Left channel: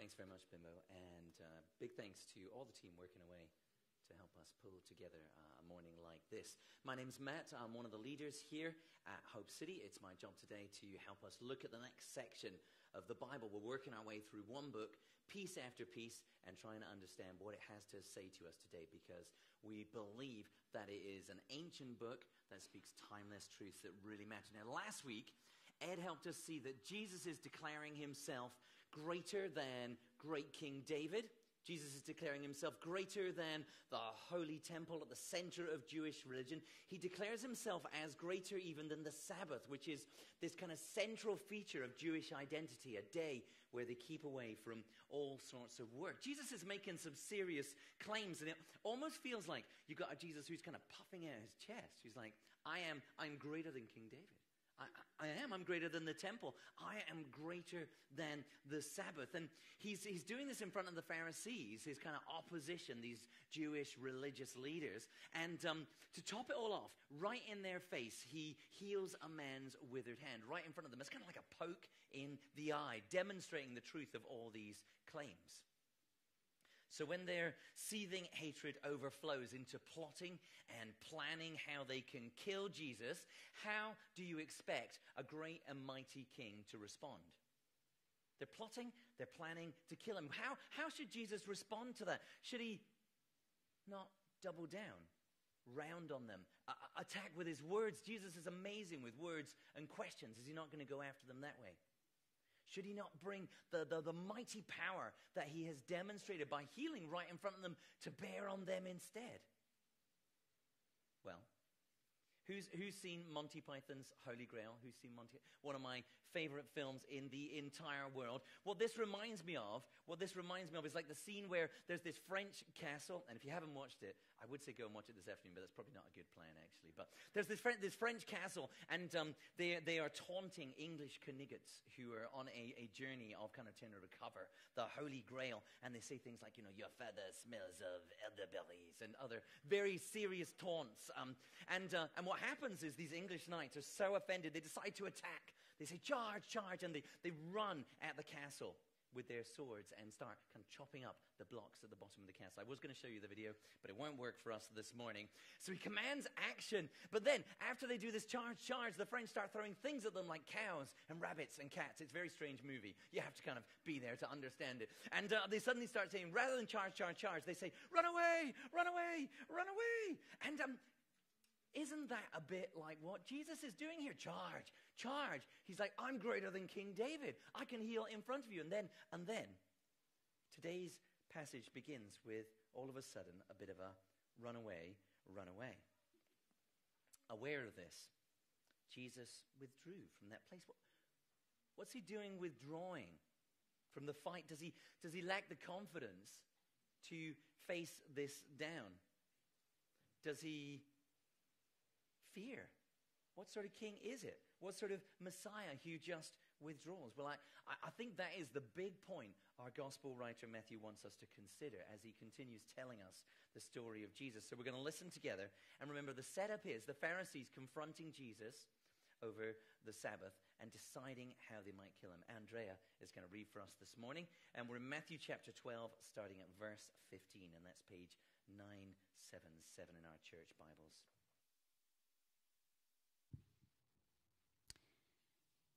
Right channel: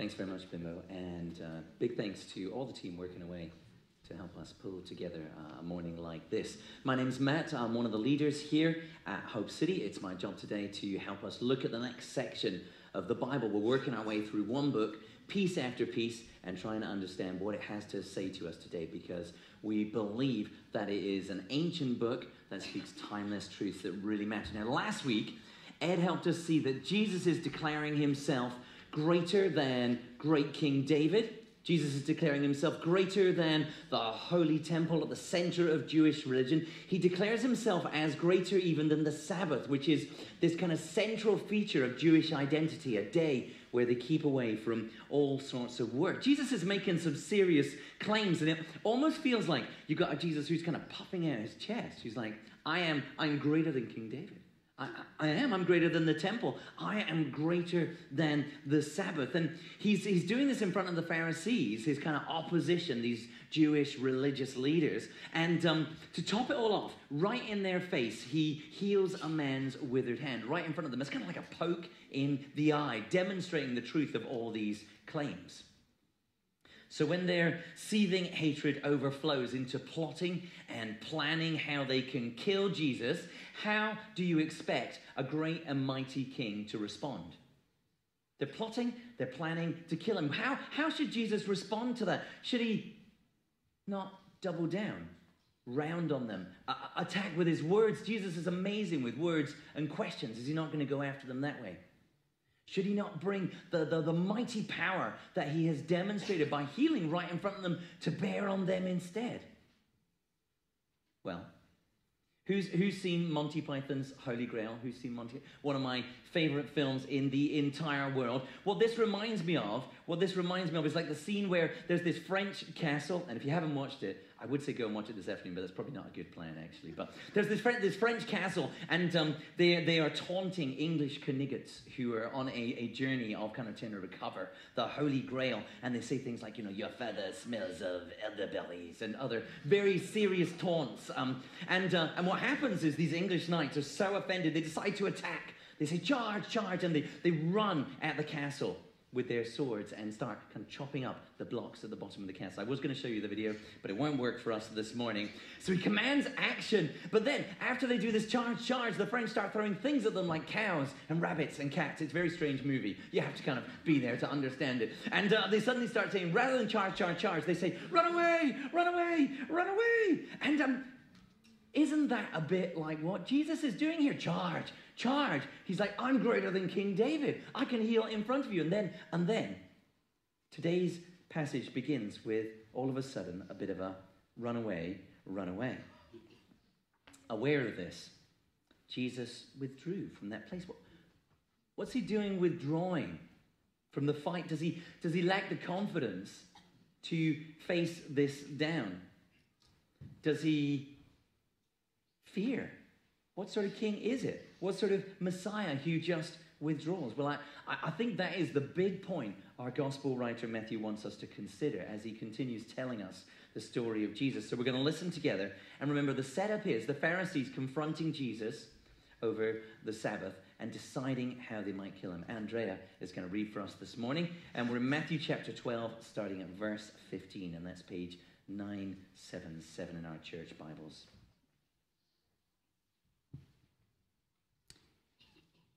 Thanks very much, Bimbo, and big thanks to all the team working away to help us pull together a morning like this. My name's Matt. I'm one of the leaders here at Hope City. It's my job today to help us look at the next section of the Bible. We're working our way through one book, piece after piece, and trying to understand what it has to say to us today, because we believe that it is an ancient book that speaks timeless truths that really matter. Now, last week, Ed helped us see that Jesus is declaring himself greater than great King David. Jesus is declaring himself greater than the Holy Temple at the center of Jewish religion. He declares himself as greater even than the Sabbath, which is this kind of central feature of Jewish identity, a day where they keep away from all sorts of work. Jesus is making some serious claims, and it almost feels like you've got a Jesus who's kind of puffing out his chest. He's like, I'm greater than King David. I'm greater than the temple. I am greater than the Sabbath. And he's doing this in front of the Pharisees, his kind of opposition, these Jewish religious leaders. And to top it all off, right in their face, he heals a man's withered hand, right in front of them. It's kind of like a poke in the eye, demonstrating the truth of all these claims. So when their seething hatred overflows into plotting and planning how they can kill Jesus, how do you expect a great and mighty king to respond? They're plotting, they're planning to kill him. How should Jesus respond to that? Should he not double down, round on them, attack with his words? Jesus is amazing with words and questions. Is he not going to go after them that way? Should he not bring the mighty power that he has demonstrated by healing right in front of them to bear on them instead? Well, who's seen Monty Python's Holy Grail? Who's seen one of my favorite films in the entire world? What this reminds me of is like the scene where there's this French castle, and if you haven't watched it, I would say go and watch it this afternoon, but that's probably not a good plan, actually. But there's this French castle, and they are taunting English Knights who are on a journey of kind of trying to recover the Holy Grail, and they say things like, your feather smells of elderberries, and other very serious taunts. And what happens is these English knights are so offended, they decide to attack. They say, charge, charge, and they run at the castle with their swords and start kind of chopping up the blocks at the bottom of the castle. I was going to show you the video, but it won't work for us this morning. So he commands action, but then after they do this charge, the French start throwing things at them like cows and rabbits and cats. It's a very strange movie. You have to kind of be there to understand it. And they suddenly start saying, rather than charge, they say, run away, run away, run away. And isn't that a bit like what Jesus is doing here? Charge. He's like, I'm greater than King David. I can heal in front of you. And then today's passage begins with, all of a sudden, a bit of a run away. Aware of this, Jesus withdrew from that place. What's he doing withdrawing from the fight? Does he lack the confidence to face this down? Does he fear? What sort of king is it? What sort of Messiah who just withdraws? Well, I think that is the big point our gospel writer Matthew wants us to consider as he continues telling us the story of Jesus. So we're going to listen together. And remember, the setup is the Pharisees confronting Jesus over the Sabbath and deciding how they might kill him. Andrea is going to read for us this morning. And we're in Matthew chapter 12, starting at verse 15. And that's page 977 in our church Bibles.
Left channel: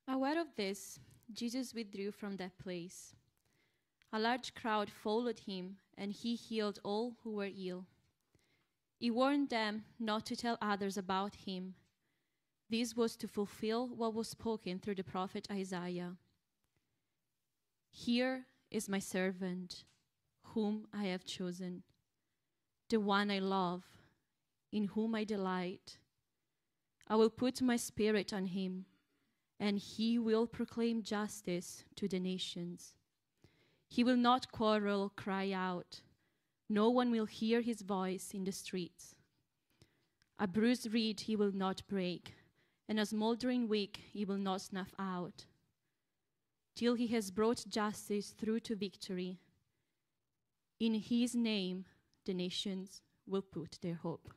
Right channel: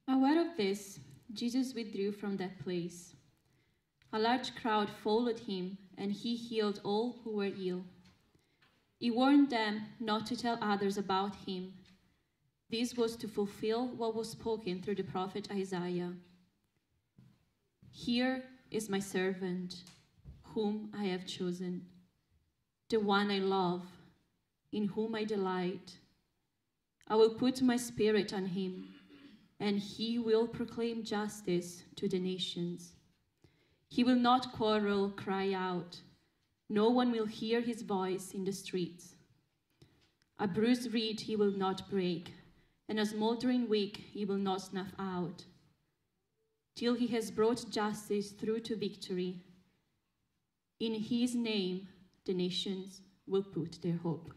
Aware of this, Jesus withdrew from that place. A large crowd followed him, and he healed all who were ill. He warned them not to tell others about him. This was to fulfill what was spoken through the prophet Isaiah. Here is my servant, whom I have chosen, the one I love, in whom I delight. I will put my spirit on him, and he will proclaim justice to the nations. He will not quarrel, cry out. No one will hear his voice in the streets. A bruised reed he will not break, and a smoldering wick he will not snuff out, till he has brought justice through to victory. In his name, the nations will put their hope.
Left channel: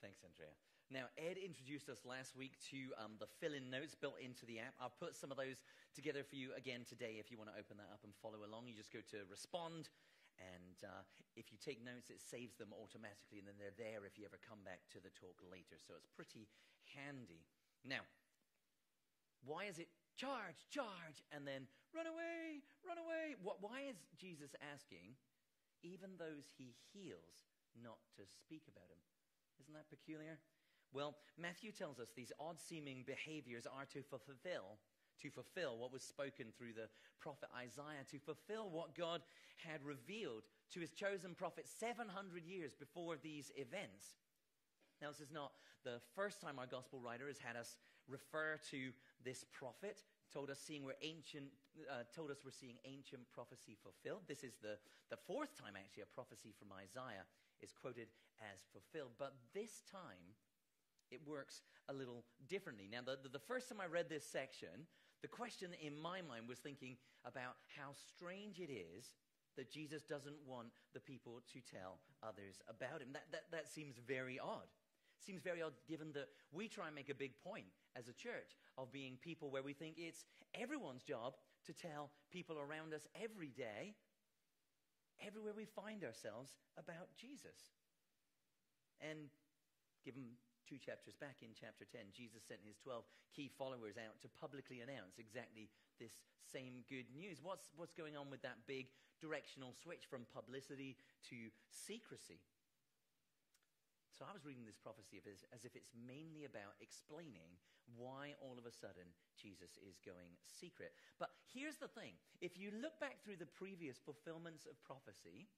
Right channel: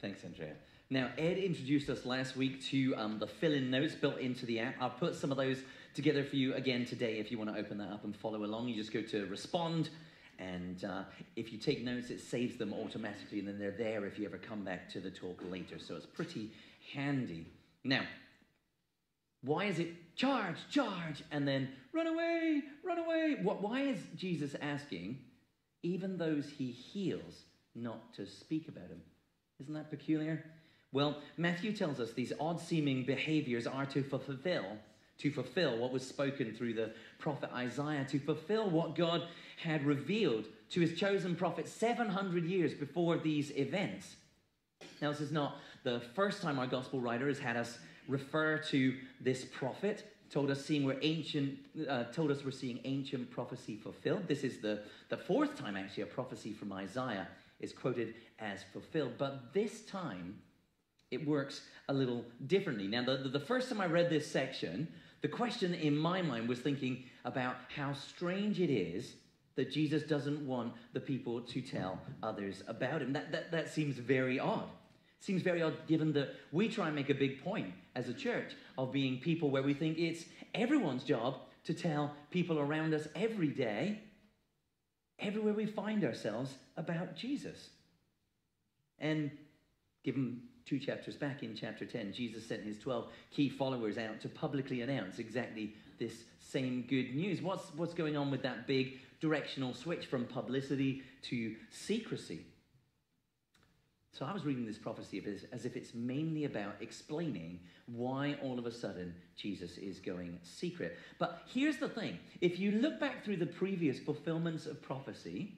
Thanks, Andrea. Now, Ed introduced us last week to the fill-in notes built into the app. I've put some of those together for you again today. If you want to open that up and follow along, you just go to Respond, and if you take notes, it saves them automatically, and then they're there if you ever come back to the talk later. So it's pretty handy. Now, why is it charge, charge, and then run away, run away? Why is Jesus asking, even those he heals, not to speak about him? Isn't that peculiar? Well, Matthew tells us these odd-seeming behaviors are to fulfill what was spoken through the prophet Isaiah, to fulfill what God had revealed to his chosen prophet 700 years before these events. Now, this is not the first time our gospel writer has had us refer to this prophet, told us we're seeing ancient prophecy fulfilled. This is the fourth time, actually, a prophecy from Isaiah is quoted as fulfilled. But this time, it works a little differently. Now, the first time I read this section, the question in my mind was thinking about how strange it is that Jesus doesn't want the people to tell others about him. That seems very odd. Seems very odd given that we try and make a big point as a church of being people where we think it's everyone's job to tell people around us every day, everywhere we find ourselves, about Jesus. And given 2 chapters back in chapter 10, Jesus sent his 12 key followers out to publicly announce exactly this same good news. What's going on with that big directional switch from publicity to secrecy? So I was reading this prophecy as if it's mainly about explaining why all of a sudden Jesus is going secret. But here's the thing. If you look back through the previous fulfillments of prophecy,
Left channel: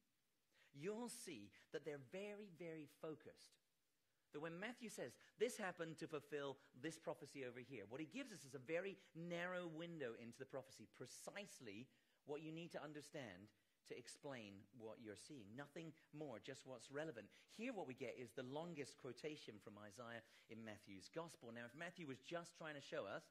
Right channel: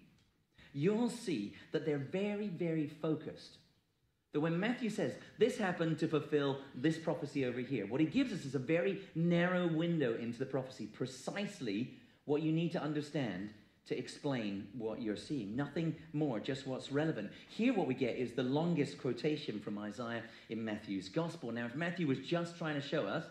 you'll see that they're very, very focused. That when Matthew says, this happened to fulfill this prophecy over here, what he gives us is a very narrow window into the prophecy, precisely what you need to understand to explain what you're seeing. Nothing more, just what's relevant. Here what we get is the longest quotation from Isaiah in Matthew's gospel. Now, if Matthew was just trying to show us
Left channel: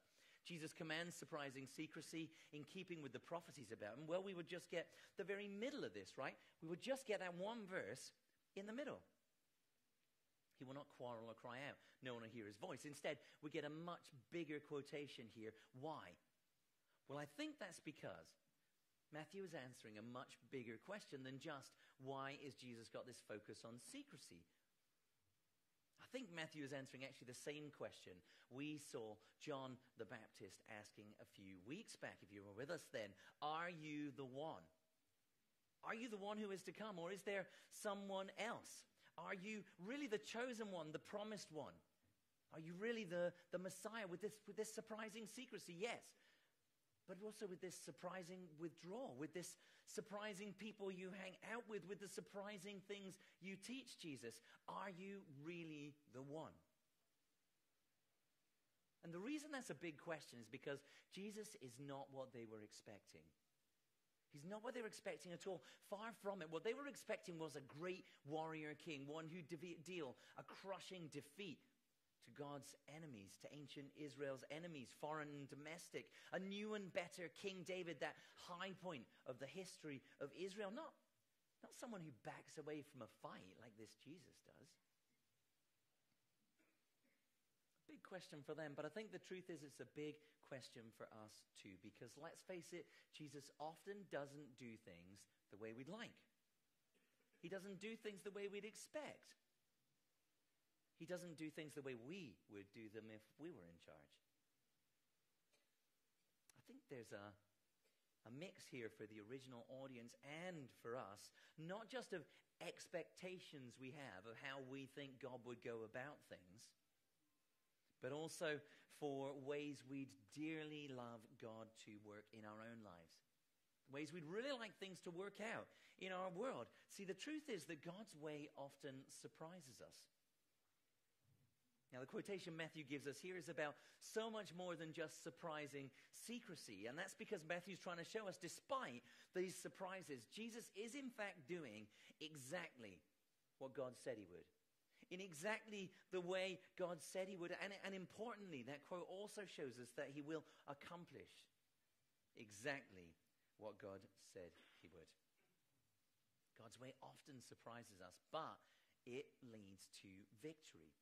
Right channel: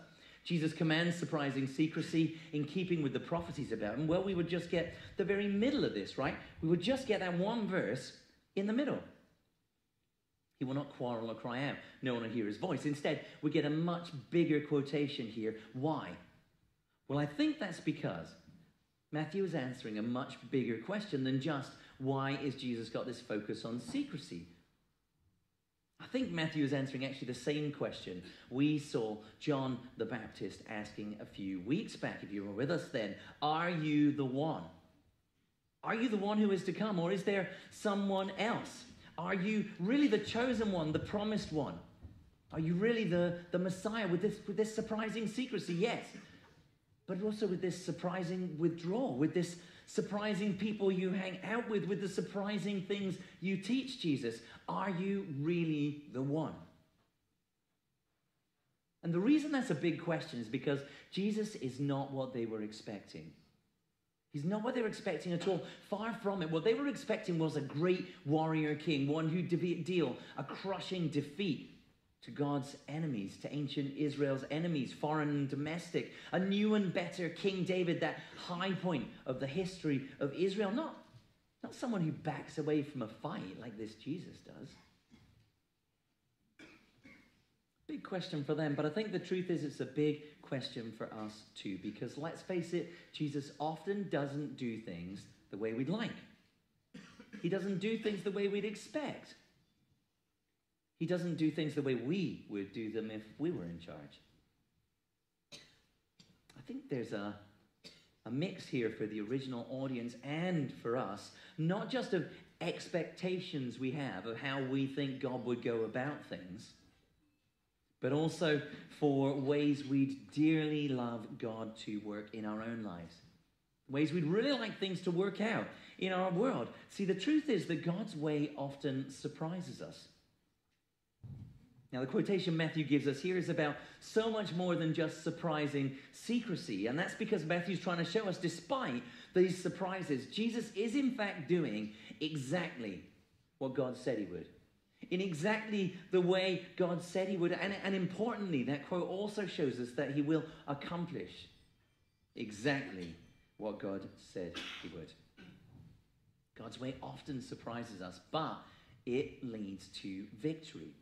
Jesus commands surprising secrecy in keeping with the prophecies about him, well, we would just get the very middle of this, right? We would just get that one verse in the middle. He will not quarrel or cry out. No one will hear his voice. Instead, we get a much bigger quotation here. Why? Well, I think that's because Matthew is answering a much bigger question than just why is Jesus got this focus on secrecy. I think Matthew is answering actually the same question we saw John the Baptist asking a few weeks back. If you were with us then, are you the one? Are you the one who is to come, or is there someone else? Are you really the chosen one, the promised one? Are you really the Messiah with this surprising secrecy? Yes. But also with this surprising withdrawal, with this surprising people you hang out with the surprising things you teach, Jesus. Are you really the one? And the reason that's a big question is because Jesus is not what they were expecting. He's not what they were expecting at all. Far from it. What they were expecting was a great warrior king, one who deal a crushing defeat to God's enemies, to ancient Israel's enemies, foreign and domestic. A new and better King David, that high point of the history of Israel. Not someone who backs away from a fight like this Jesus does. Big question for them, but I think the truth is it's a big question for us too, because let's face it, Jesus often doesn't do things the way we'd like. He doesn't do things the way we'd expect. He doesn't do things the way we would do them if we were in charge. I think there's a mix here for the original audience and for us, not just of expectations we have of how we think God would go about things, but also for ways we'd dearly love God to work in our own lives. Ways we'd really like things to work out in our world. See, the truth is that God's way often surprises us. Now, the quotation Matthew gives us here is about so much more than just surprising secrecy. And that's because Matthew's trying to show us, despite these surprises, Jesus is in fact doing exactly what God said he would. In exactly the way God said he would. And importantly, that quote also shows us that he will accomplish exactly what God said he would. God's way often surprises us, but it leads to victory.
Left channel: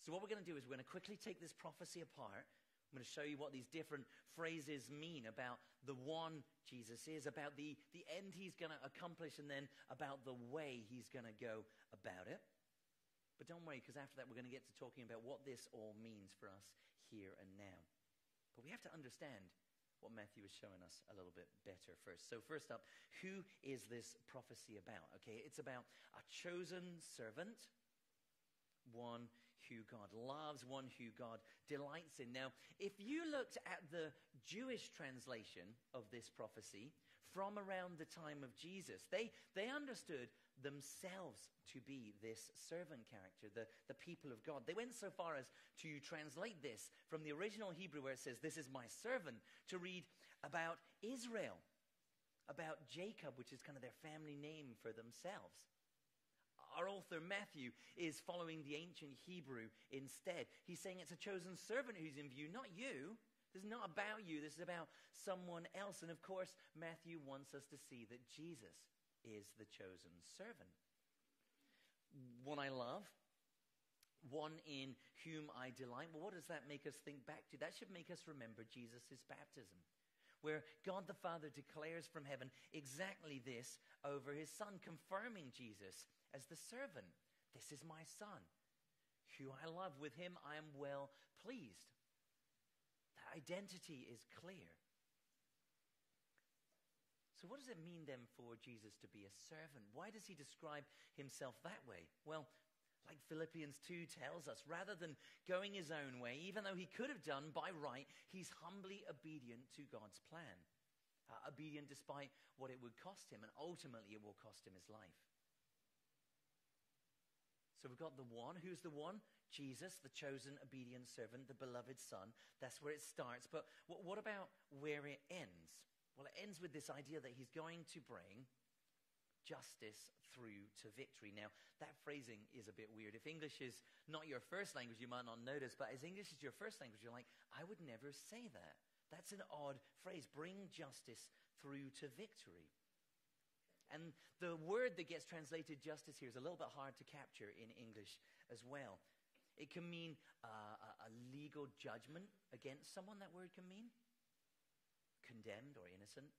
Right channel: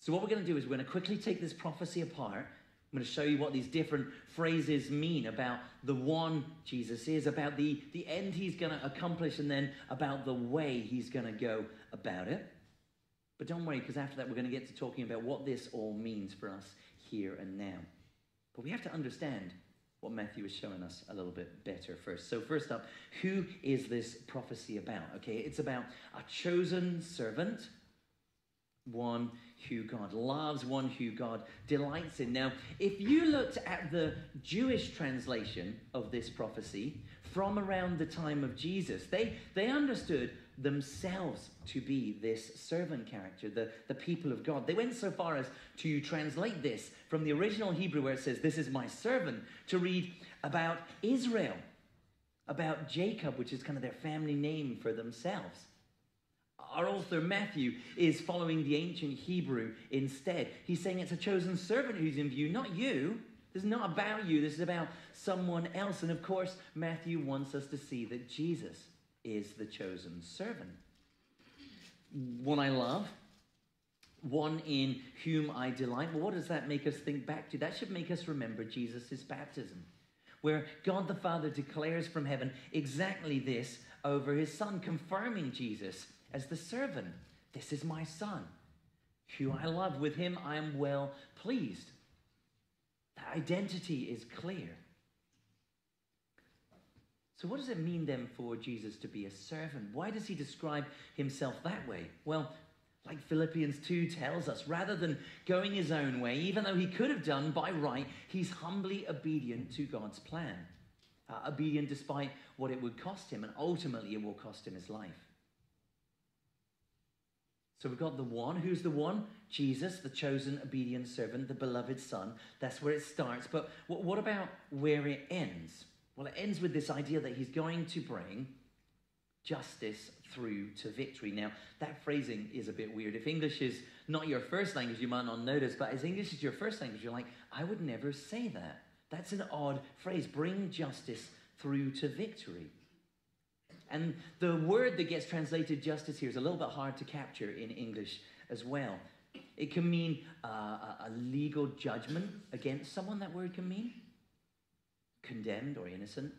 So what we're going to do is we're going to quickly take this prophecy apart. I'm going to show you what these different phrases mean about the one Jesus is, about the end he's going to accomplish, and then about the way he's going to go about it. But don't worry, because after that we're going to get to talking about what this all means for us here and now. But we have to understand what Matthew is showing us a little bit better first. So first up, who is this prophecy about? Okay, it's about a chosen servant, one who God loves, one who God delights in. Now, if you looked at the Jewish translation of this prophecy from around the time of Jesus, they understood themselves to be this servant character, the people of God. They went so far as to translate this from the original Hebrew where it says, "This is my servant," to read about Israel, about Jacob, which is kind of their family name for themselves. Our author Matthew is following the ancient Hebrew instead. He's saying it's a chosen servant who's in view, not you. This is not about you. This is about someone else. And of course, Matthew wants us to see that Jesus is the chosen servant. One I love, one in whom I delight. Well, what does that make us think back to? That should make us remember Jesus' baptism, where God the Father declares from heaven exactly this over his Son, confirming Jesus as the servant. "This is my Son, who I love. With him I am well pleased." That identity is clear. So what does it mean then for Jesus to be a servant? Why does he describe himself that way? Well, like Philippians 2 tells us, rather than going his own way, even though he could have done by right, he's humbly obedient to God's plan. Obedient despite what it would cost him, and ultimately it will cost him his life. So we've got the one. Who's the one? Jesus, the chosen, obedient servant, the beloved Son. That's where it starts. But what about where it ends? Well, it ends with this idea that he's going to bring justice through to victory. Now, that phrasing is a bit weird. If English is not your first language, you might not notice, but as English is your first language, you're like, I would never say that. That's an odd phrase. Bring justice through to victory. And the word that gets translated justice here is a little bit hard to capture in English as well. It can mean a legal judgment against someone, that word can mean. Condemned or innocent.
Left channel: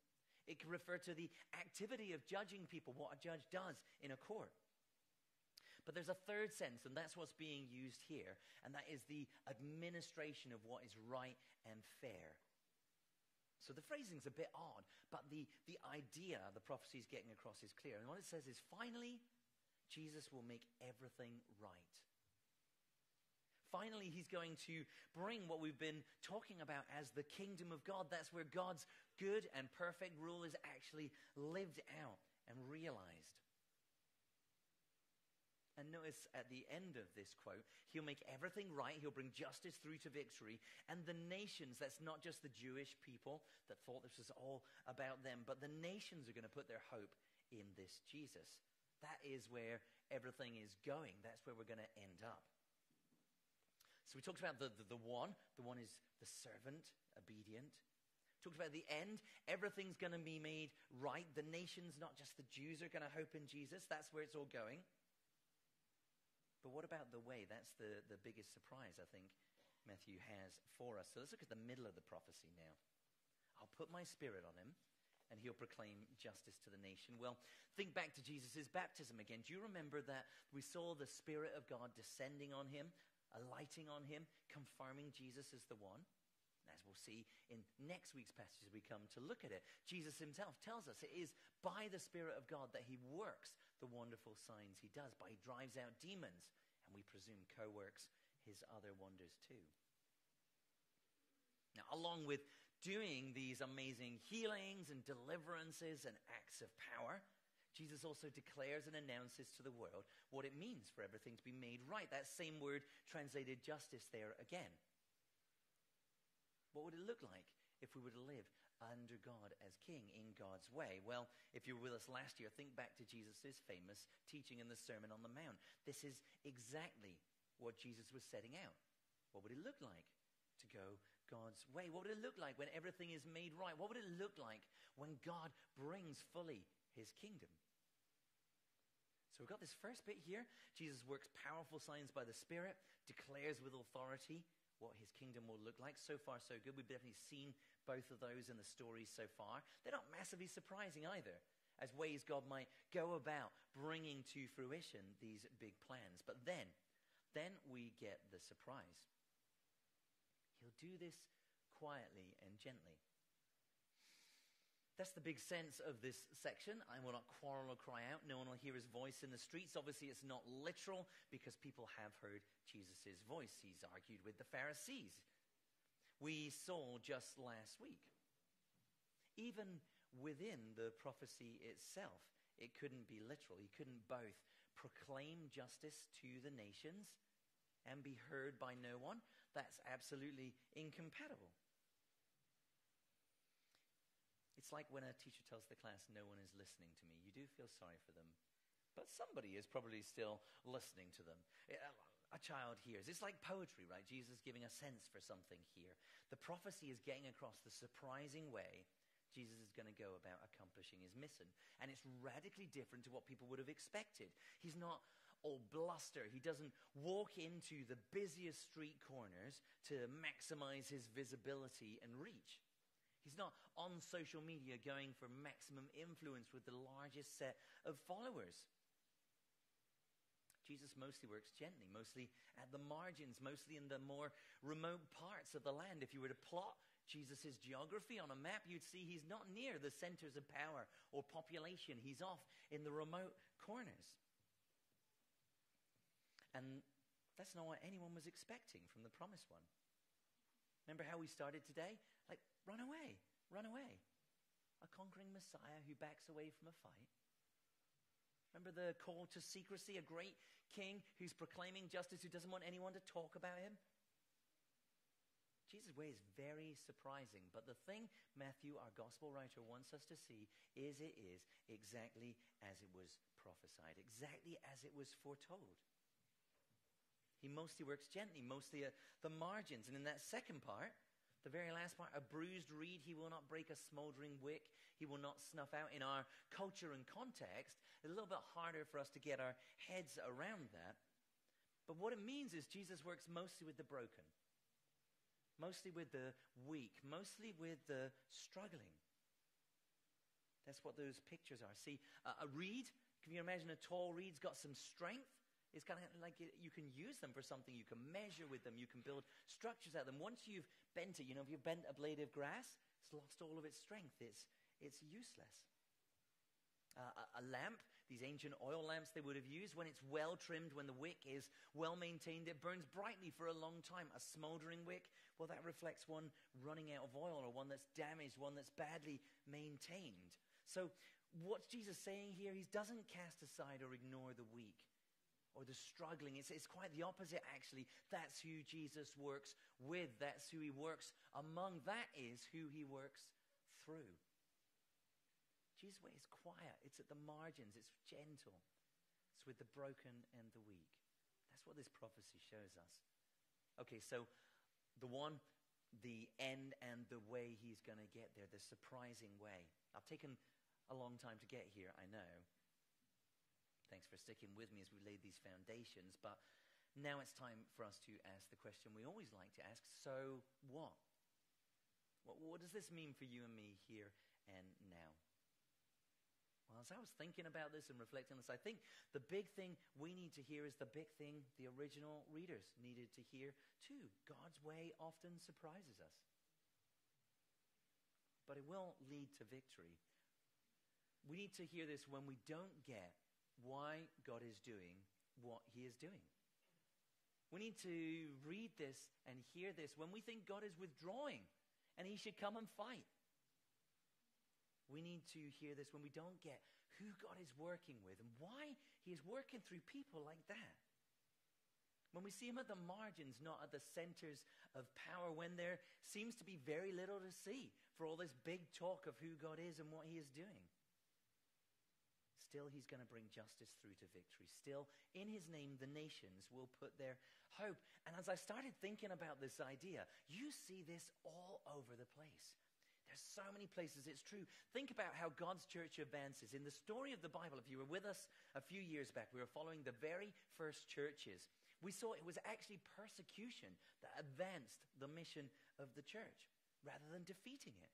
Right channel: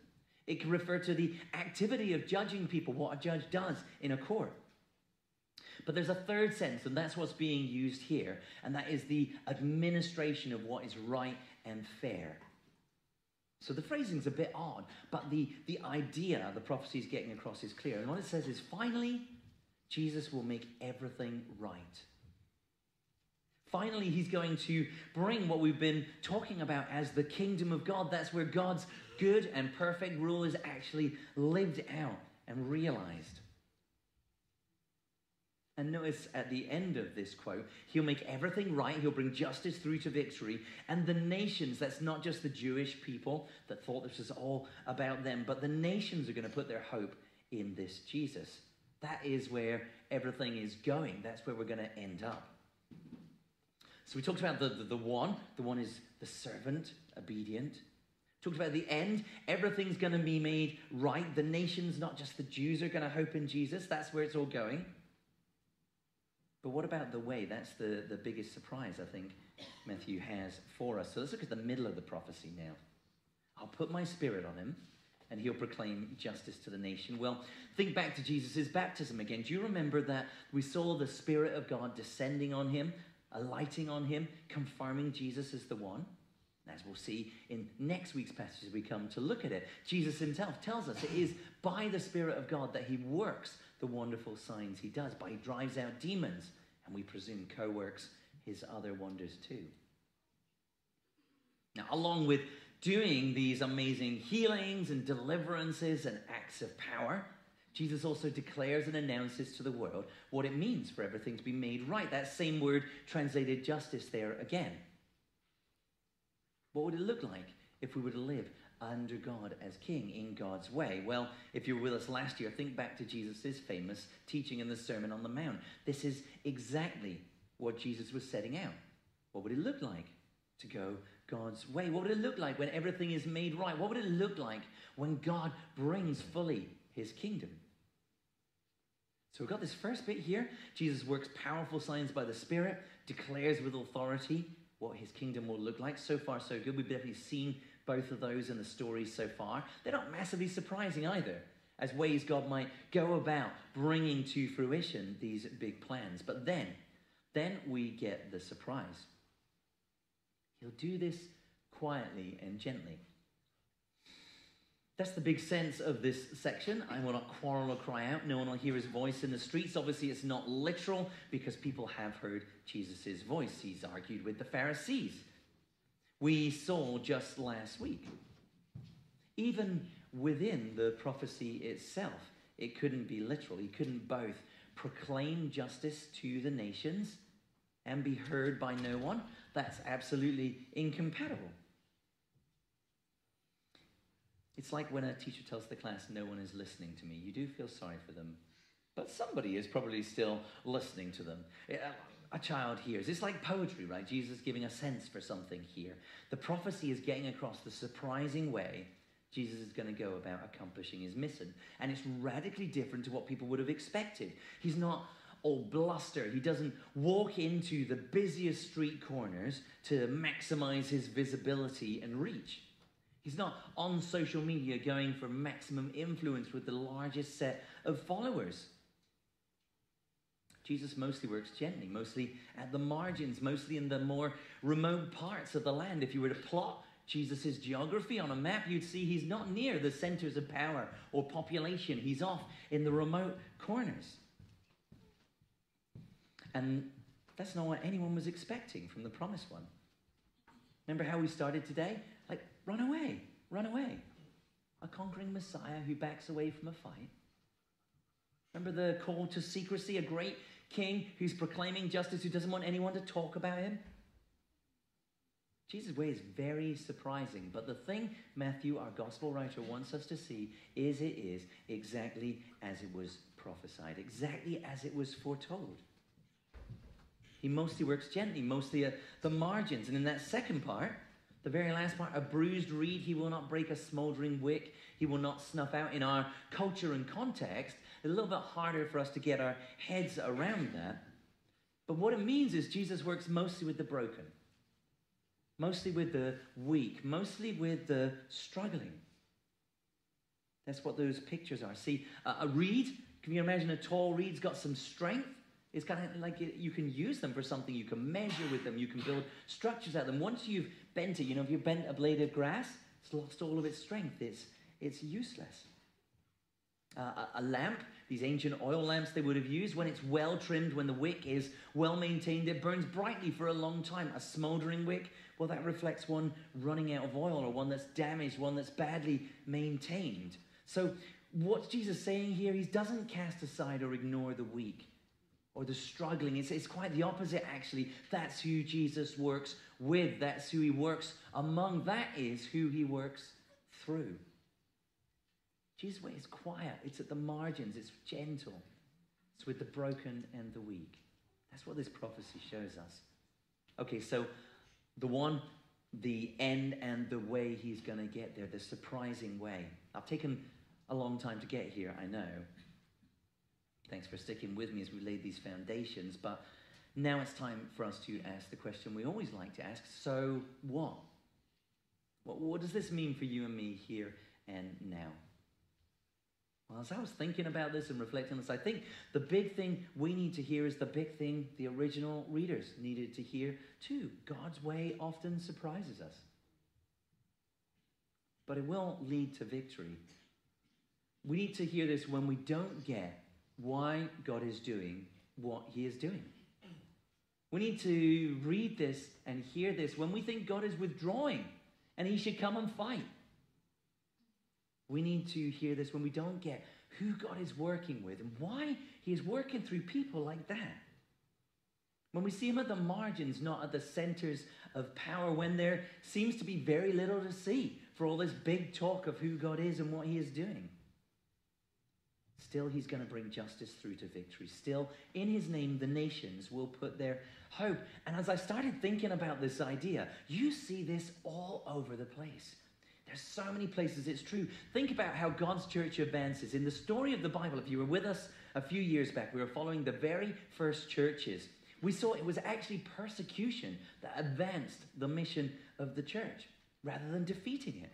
It can refer to the activity of judging people, what a judge does in a court. But there's a third sense, and that's what's being used here, and that is the administration of what is right and fair. So the phrasing's a bit odd, but the idea the prophecy is getting across is clear. And what it says is, finally, Jesus will make everything right. Finally, he's going to bring what we've been talking about as the kingdom of God. That's where God's good and perfect rule is actually lived out and realized. And notice at the end of this quote, he'll make everything right. He'll bring justice through to victory. And the nations, that's not just the Jewish people that thought this was all about them, but the nations are going to put their hope in this Jesus. That is where everything is going. That's where we're going to end up. So we talked about the one. The one is the servant, obedient. Talked about the end. Everything's going to be made right. The nations, not just the Jews, are going to hope in Jesus. That's where it's all going. But what about the way? That's the biggest surprise, I think, Matthew has for us. So let's look at the middle of the prophecy now. I'll put my spirit on him, and he'll proclaim justice to the nation. Well, think back to Jesus' baptism again. Do you remember that we saw the Spirit of God descending on him, alighting on him, confirming Jesus as the one? As we'll see in next week's passage as we come to look at it, Jesus himself tells us it is by the Spirit of God that he works the wonderful signs he does, by he drives out demons, and we presume co-works his other wonders too. Now, along with doing these amazing healings and deliverances and acts of power, Jesus also declares and announces to the world what it means for everything to be made right. That same word translated justice there again. What would it look like if we were to live under God as king in God's way? Well, if you were with us last year, think back to Jesus' famous teaching in the Sermon on the Mount. This is exactly what Jesus was setting out. What would it look like to go God's way? What would it look like when everything is made right? What would it look like when God brings fully his kingdom? So we've got this first bit here. Jesus works powerful signs by the Spirit, declares with authority what his kingdom will look like. So far, so good. We've definitely seen both of those in the stories so far. They're not massively surprising either, as ways God might go about bringing to fruition these big plans. But then we get the surprise. He'll do this quietly and gently. That's the big sense of this section. I will not quarrel or cry out. No one will hear his voice in the streets. Obviously, it's not literal because people have heard Jesus' voice. He's argued with the Pharisees. We saw just last week. Even within the prophecy itself, it couldn't be literal. He couldn't both proclaim justice to the nations and be heard by no one. That's absolutely incompatible. It's like when a teacher tells the class, no one is listening to me. You do feel sorry for them, but somebody is probably still listening to them. A child hears. It's like poetry, right? Jesus giving a sense for something here. The prophecy is getting across the surprising way Jesus is going to go about accomplishing his mission. And it's radically different to what people would have expected. He's not all bluster. He doesn't walk into the busiest street corners to maximize his visibility and reach. He's not on social media going for maximum influence with the largest set of followers. Jesus mostly works gently, mostly at the margins, mostly in the more remote parts of the land. If you were to plot Jesus' geography on a map, you'd see he's not near the centers of power or population. He's off in the remote corners. And that's not what anyone was expecting from the promised one. Remember how we started today? Like, run away, run away. A conquering Messiah who backs away from a fight. Remember the call to secrecy, a great king who's proclaiming justice, who doesn't want anyone to talk about him? Jesus' way is very surprising, but the thing Matthew, our gospel writer, wants us to see is it is exactly as it was prophesied, exactly as it was foretold. He mostly works gently, mostly at the margins. And in that second part, the very last part, a bruised reed, he will not break a smoldering wick. He will not snuff out. In our culture and context, it's a little bit harder for us to get our heads around that. But what it means is Jesus works mostly with the broken, mostly with the weak, mostly with the struggling. That's what those pictures are. See, a reed, can you imagine a tall reed's got some strength? It's kind of like you can use them for something. You can measure with them. You can build structures out of them. Once you've bent it, if you've bent a blade of grass, it's lost all of its strength. It's useless. A lamp, these ancient oil lamps they would have used, when it's well trimmed, when the wick is well maintained, it burns brightly for a long time. A smoldering wick, well, that reflects one running out of oil, or one that's damaged, one that's badly maintained. So what's Jesus saying here? He doesn't cast aside or ignore the weak or the struggling. It's quite the opposite, actually. That's who Jesus works with. That's who he works among. That is who he works through. Jesus' way is quiet. It's at the margins. It's gentle. It's with the broken and the weak. That's what this prophecy shows us. Okay, so the end and the way he's going to get there, the surprising way. I've taken a long time to get here, I know. Thanks for sticking with me as we laid these foundations. But now it's time for us to ask the question we always like to ask. So what? What does this mean for you and me here and now? Well, as I was thinking about this and reflecting on this, I think the big thing we need to hear is the big thing the original readers needed to hear too. God's way often surprises us. But it will lead to victory. We need to hear this when we don't get why God is doing what he is doing. We need to read this and hear this when we think God is withdrawing and he should come and fight. We need to hear this when we don't get who God is working with and why he is working through people like that. When we see him at the margins, not at the centers of power, when there seems to be very little to see for all this big talk of who God is and what he is doing. Still, he's going to bring justice through to victory. Still, in his name, the nations will put their hope. And as I started thinking about this idea, you see this all over the place. There's so many places it's true. Think about how God's church advances. In the story of the Bible, if you were with us a few years back, we were following the very first churches. We saw it was actually persecution that advanced the mission of the church rather than defeating it,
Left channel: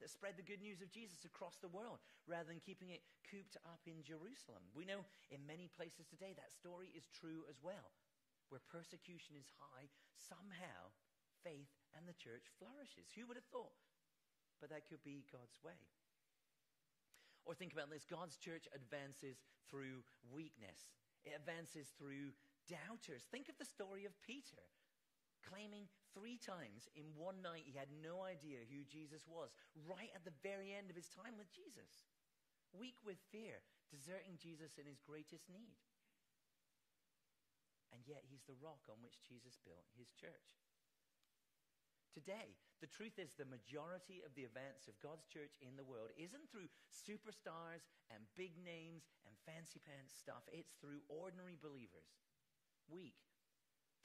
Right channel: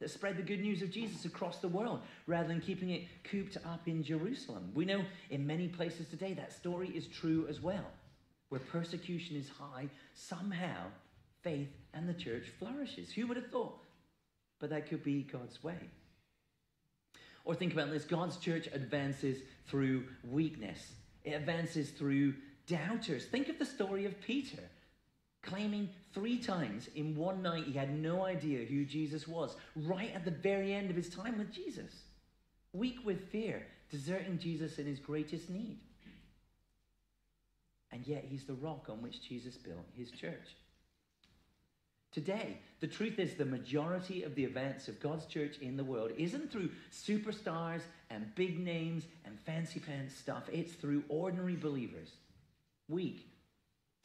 that spread the good news of Jesus across the world rather than keeping it cooped up in Jerusalem. We know in many places today that story is true as well. Where persecution is high, somehow faith and the church flourishes. Who would have thought? But that could be God's way. Or think about this, God's church advances through weakness. It advances through doubters. Think of the story of Peter, claiming 3 times in one night he had no idea who Jesus was, right at the very end of his time with Jesus. Weak with fear, deserting Jesus in his greatest need. And yet he's the rock on which Jesus built his church. Today, the truth is the majority of the events of God's church in the world isn't through superstars and big names and fancy pants stuff. It's through ordinary believers, weak,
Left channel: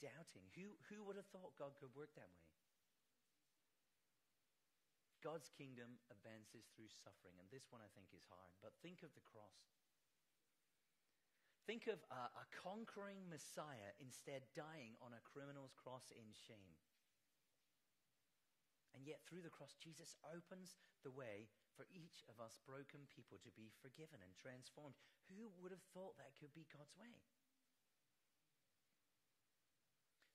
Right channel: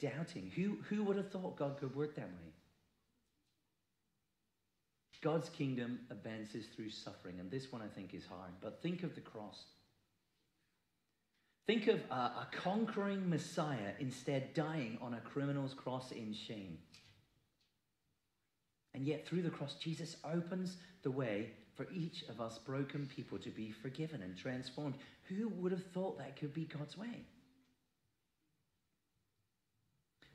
doubting. Who would have thought God could work that way? God's kingdom advances through suffering, and this one I think is hard, but think of the cross. Think of a conquering Messiah instead dying on a criminal's cross in shame. And yet through the cross, Jesus opens the way for each of us broken people to be forgiven and transformed. Who would have thought that could be God's way?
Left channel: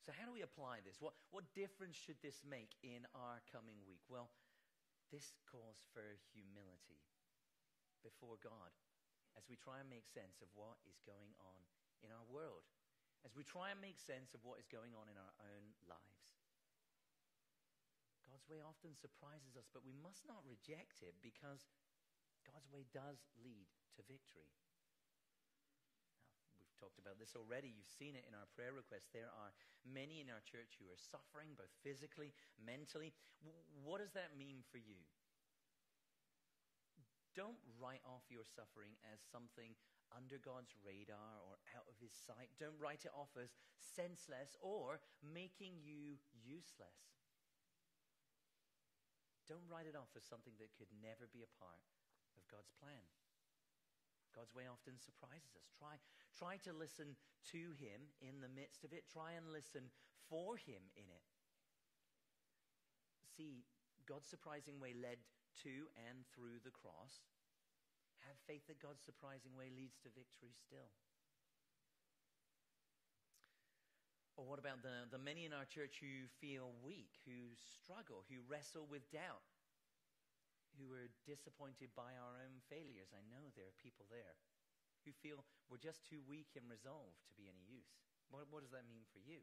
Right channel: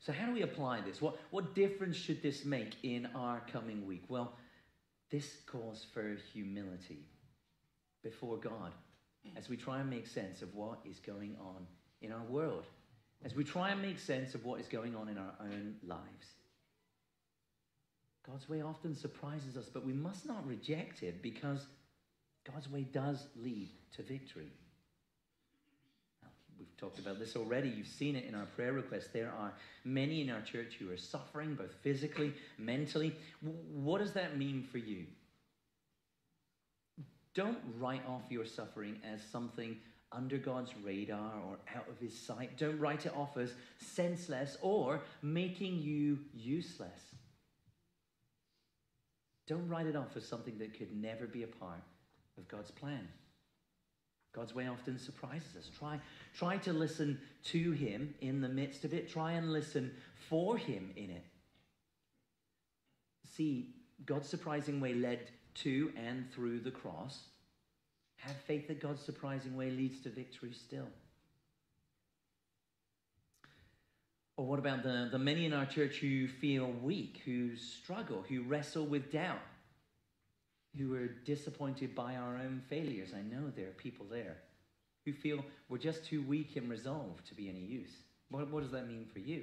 So how do we apply this? What difference should this make in our coming week? Well, this calls for humility before God as we try and make sense of what is going on in our world, as we try and make sense of what is going on in our own lives. God's way often surprises us, but we must not reject it because God's way does lead to victory. Now, we've talked about this already. You've seen it in our prayer requests. There are many in our church who are suffering, both physically, mentally. What does that mean for you? Don't write off your suffering as something under God's radar or out of his sight. Don't write it off as senseless or making you useless. Don't write it off as something that could never be a part of God's plan. God's way often surprises us. Try to listen to him in the midst of it. Try and listen for him in it. See, God's surprising way led to and through the cross. Have faith that God's surprising way leads to victory still. Or what about the many in our church who feel weak, who struggle, who wrestle with doubt, who are disappointed by our own failures? I know there are people there who feel we're just too weak in resolve to be any use. What does that mean for you?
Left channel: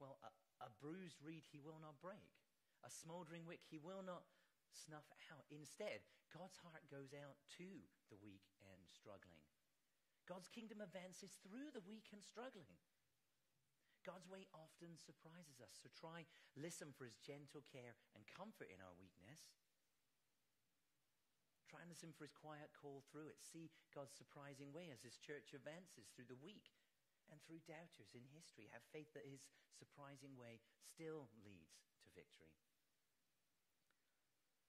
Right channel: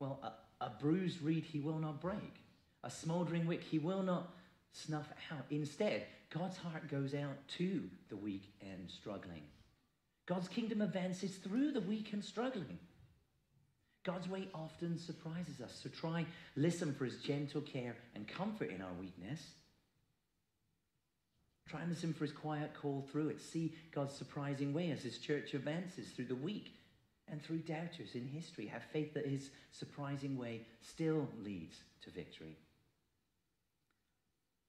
Well, a bruised reed he will not break. A smouldering wick he will not snuff out. Instead, God's heart goes out to the weak and struggling. God's kingdom advances through the weak and struggling. God's way often surprises us, so listen for his gentle care and comfort in our weakness. Try and listen for his quiet call through it. See God's surprising way as his church advances through the weak and through doubters in history. Have faith that his surprising way still leads to victory.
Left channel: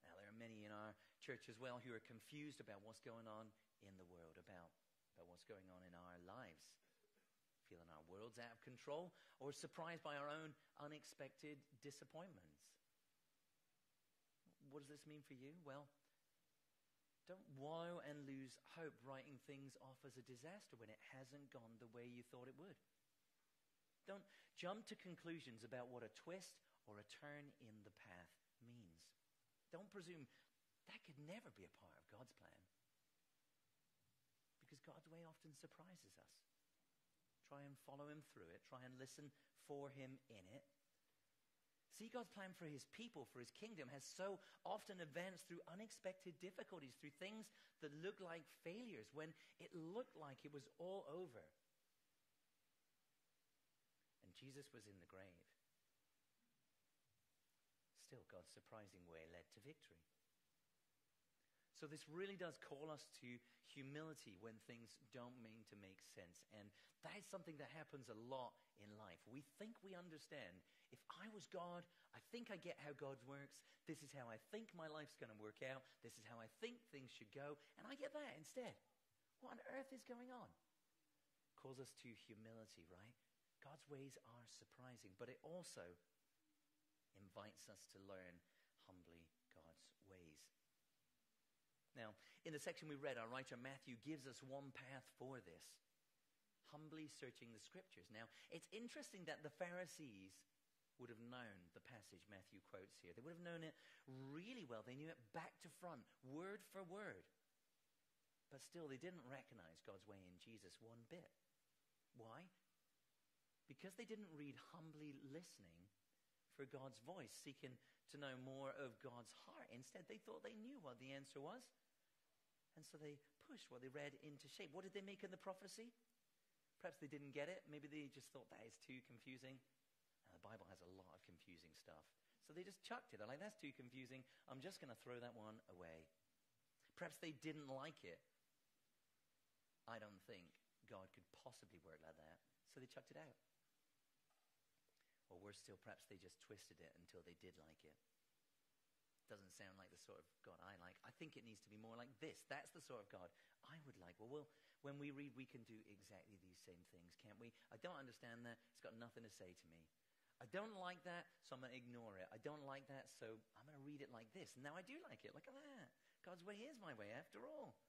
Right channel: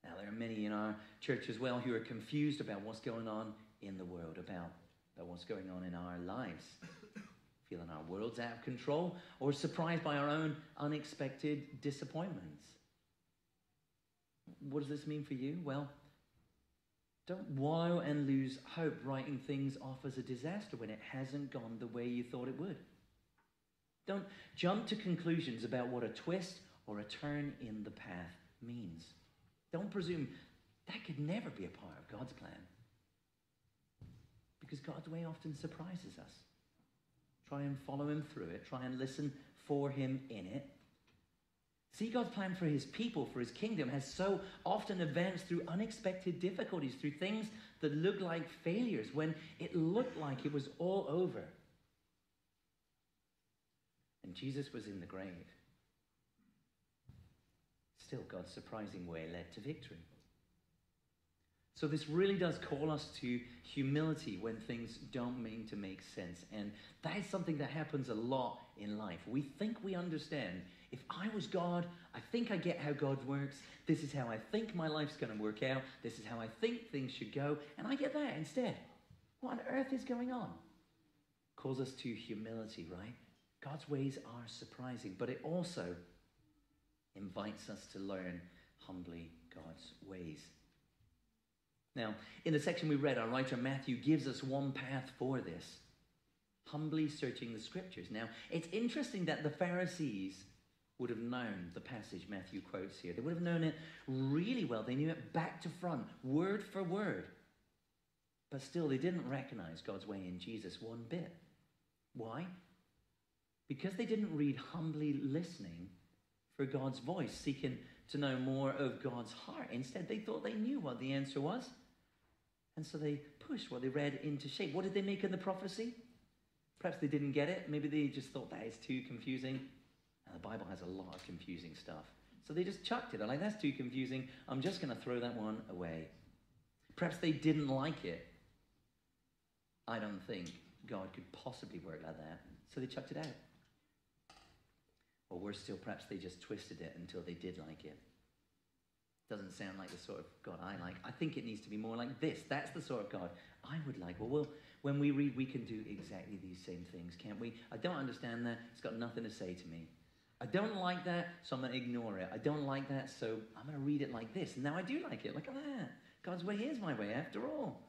Now, there are many in our church as well who are confused about what's going on in the world, about what's going on in our lives. Feeling our world's out of control, or surprised by our own unexpected disappointments. What does this mean for you? Well, don't wallow and lose hope writing things off as a disaster when it hasn't gone the way you thought it would. Don't jump to conclusions about what a twist or a turn in the path means. Don't presume that could never be a part of God's plan, because God's way often surprises us. Try and follow him through it. Try and listen for him in it. See, God's plan for his people, for his kingdom, has so often advanced through unexpected difficulties, through things that look like failures, when it looked like it was all over. And Jesus was in the grave. Still, God's surprising way led to victory. So this really does call us to humility when things don't mean to make sense. And that is something that happens a lot in life. We think we understand. If I was God, I think I get how God works. This is how I think my life's going to work out. This is how I think things should go. And I get that instead. What on earth is going on? calls us to humility, right? God's ways are surprising, but it also invites us to learn humbly God's ways. Now, in the section we read, our writer Matthew gives us one path for this: humbly searching the scriptures. Now, it's interesting that the Pharisees would have known the passage Matthew quotes here. They would have known it really well. They knew it back to front, word for word. But still, they didn't recognize God's way in Jesus one bit. Why? Because they didn't read humbly listening for God's voice, seeking to know more of God's heart. Instead, they thought they knew what the answer was. And so they pushed what they read into shape. What did they make of the prophecy? Perhaps they didn't get it. Maybe they just thought that is too confusing. And the Bible has a lot of confusing stuff. So they just chucked it. They're like, that's too confusing. I'm just going to throw that one away. Perhaps they didn't like it. I don't think God could possibly work like that. So they chucked it out. Or worse still, perhaps they just twisted it until they did like it. Doesn't sound like the sort of God I like. I think it needs to be more like this. That's the sort of God I would like. Well, when we read, we can do exactly these same things, can't we? I don't understand that. It's got nothing to say to me. I don't like that, so I'm going to ignore it. I don't like that, so I'm going to read it like this. And now I do like it. Look at that. God's way is my way, after all.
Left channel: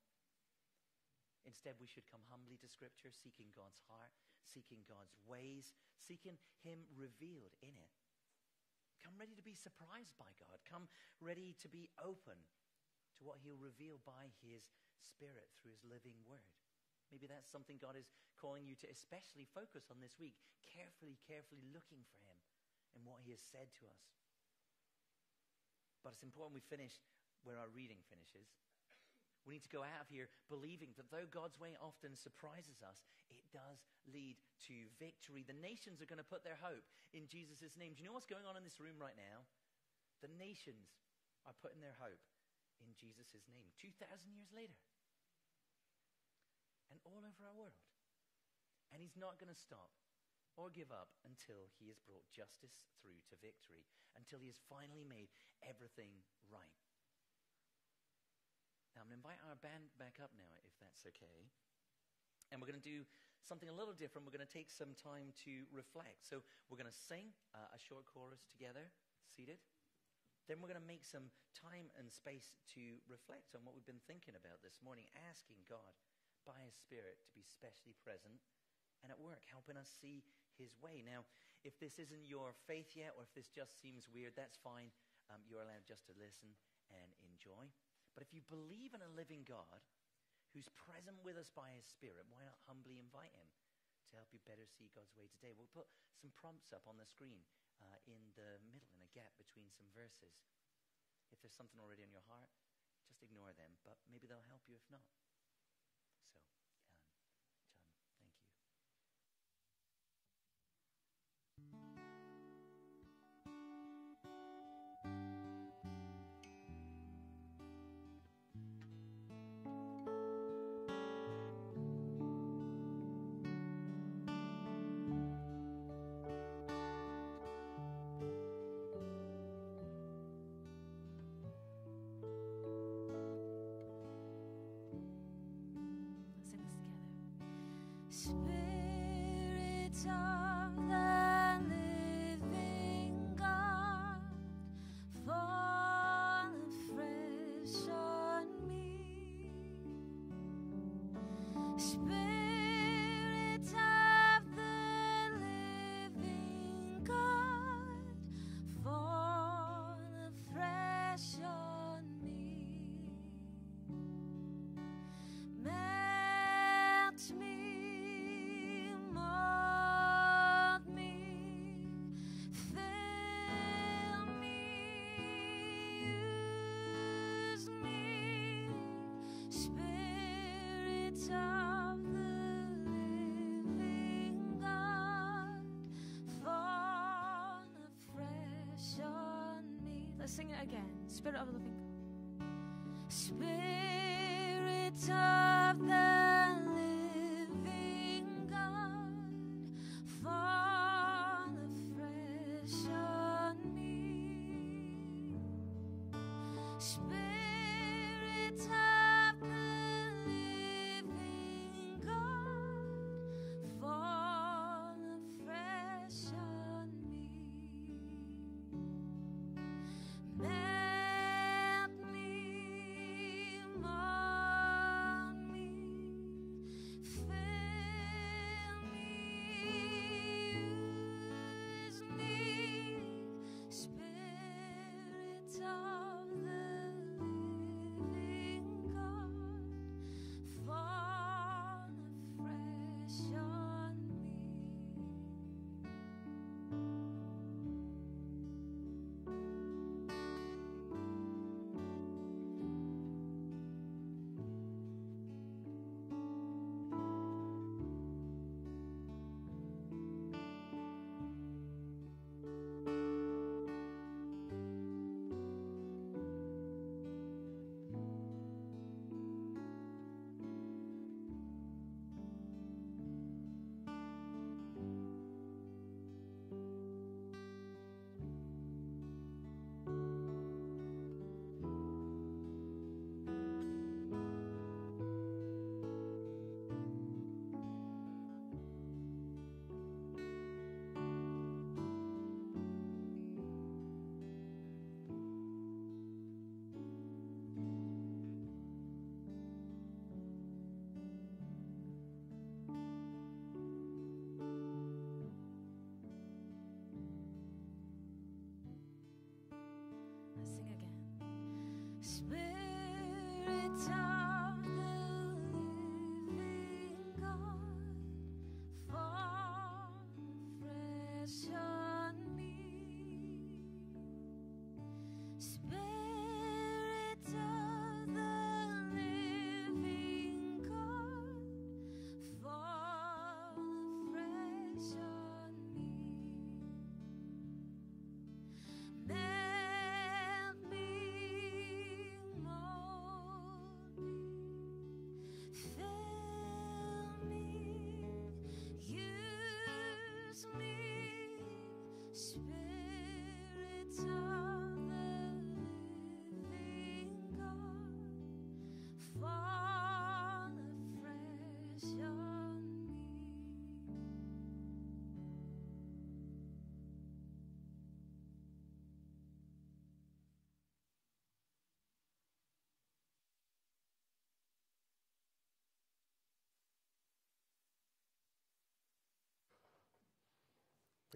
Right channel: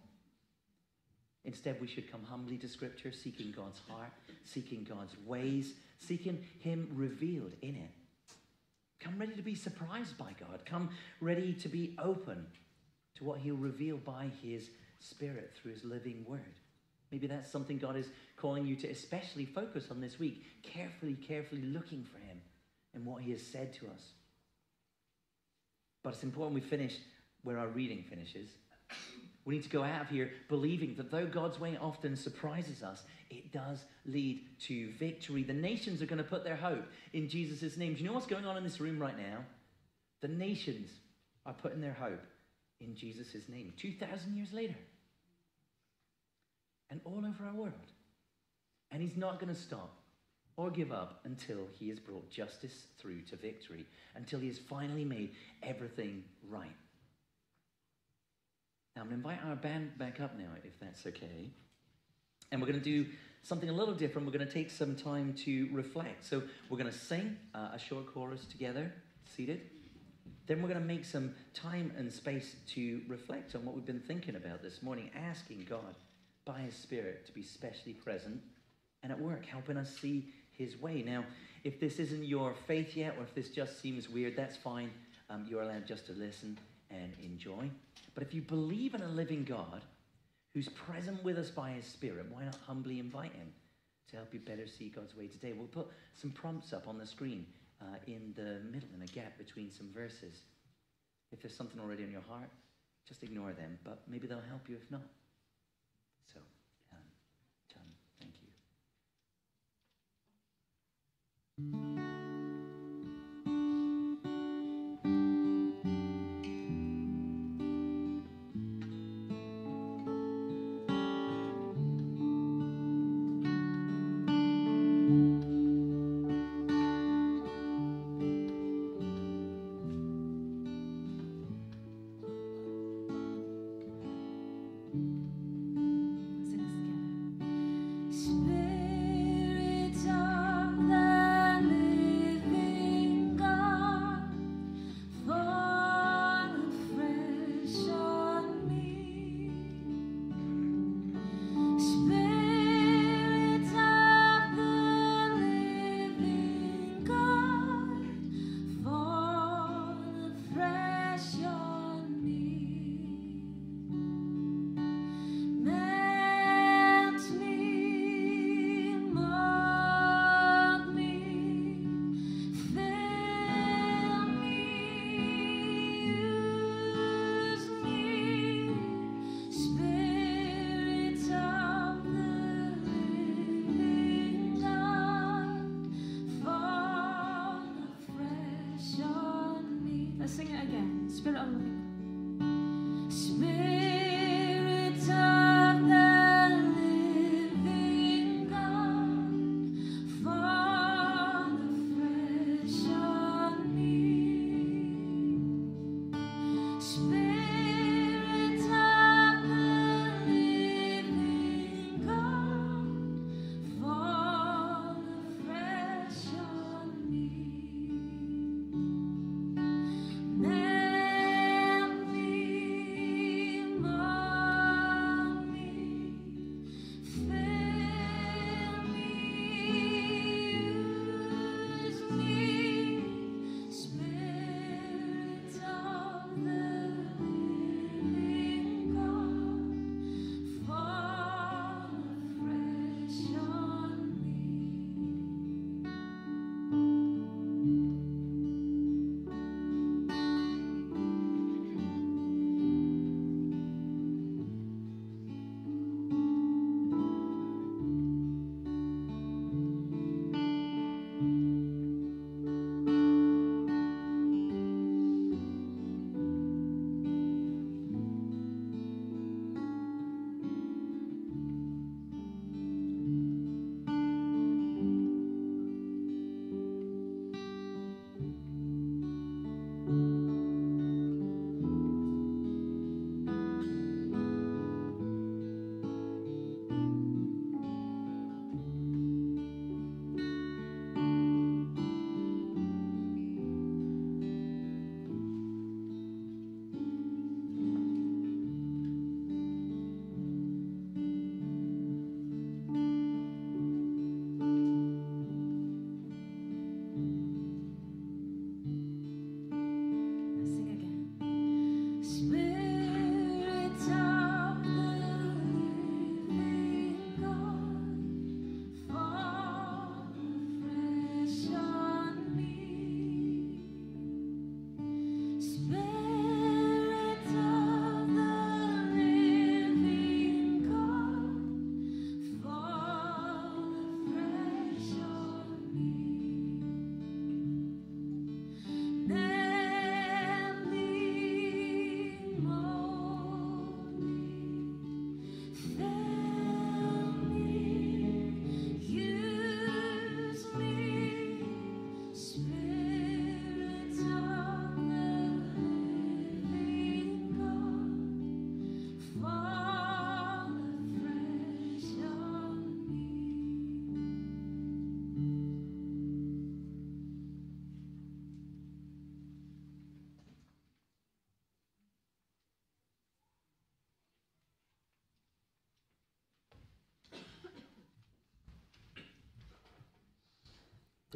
Instead, we should come humbly to Scripture, seeking God's heart, seeking God's ways, seeking Him revealed in it. Come ready to be surprised by God. Come ready to be open to what He'll reveal by His Spirit through His living Word. Maybe that's something God is calling you to especially focus on this week, carefully looking for Him and what He has said to us. But it's important we finish where our reading finishes. We need to go out of here believing that though God's way often surprises us, it does lead to victory. The nations are going to put their hope in Jesus' name. Do you know what's going on in this room right now? The nations are putting their hope in Jesus' name 2,000 years later. And all over our world. And He's not going to stop or give up until He has brought justice through to victory, until He has finally made everything right. Now, I'm going to invite our band back up now, if that's okay. And we're going to do something a little different. We're going to take some time to reflect. So we're going to sing a short chorus together, seated. Then we're going to make some time and space to reflect on what we've been thinking about this morning, asking God by His Spirit to be specially present and at work, helping us see His way. Now, if this isn't your faith yet, or if this just seems weird, that's fine. You're allowed just to listen and enjoy. But if you believe in a living God who's present with us by His Spirit, why not humbly invite Him to help you better see God's way today? We'll put some prompts up on the screen in the middle, in a gap between some verses. If there's something already on your heart, just ignore them, but maybe they'll help you if not. So, John, thank you. Sing it again. Spirit of the living God. Spirit of the living God, fall afresh on me. Spirit of the living God,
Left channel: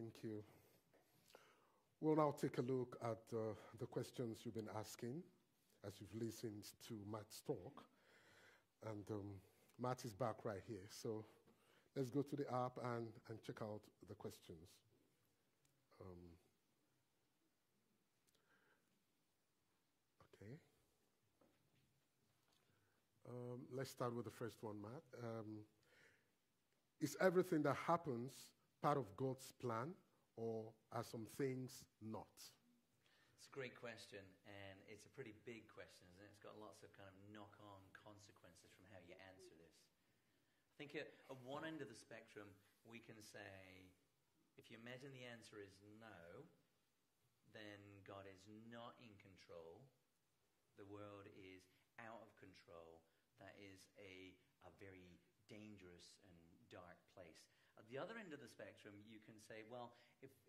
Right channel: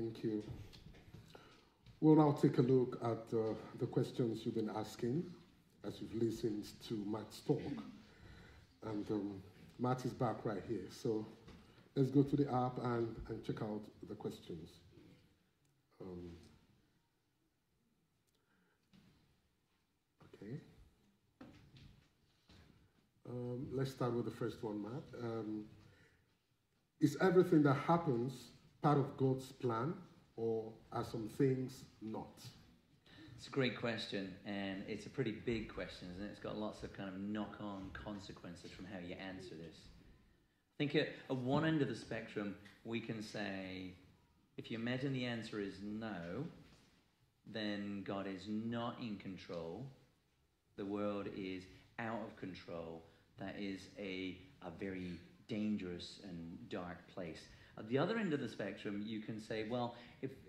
Thank you. We'll now take a look at the questions you've been asking as you've listened to Matt's talk. And Matt is back right here. So let's go to the app and check out the questions. Okay. Let's start with the first one, Matt. Is everything that happens part of God's plan, or are some things not? It's a great question, and it's a pretty big question, isn't it? It's got lots of kind of knock-on consequences from how you answer this. I think at one end of the spectrum, we can say, if you imagine the answer is no, then God is not in control. The world is out of control. That is a very dangerous and dark place. At the other end of the spectrum, you can say, well,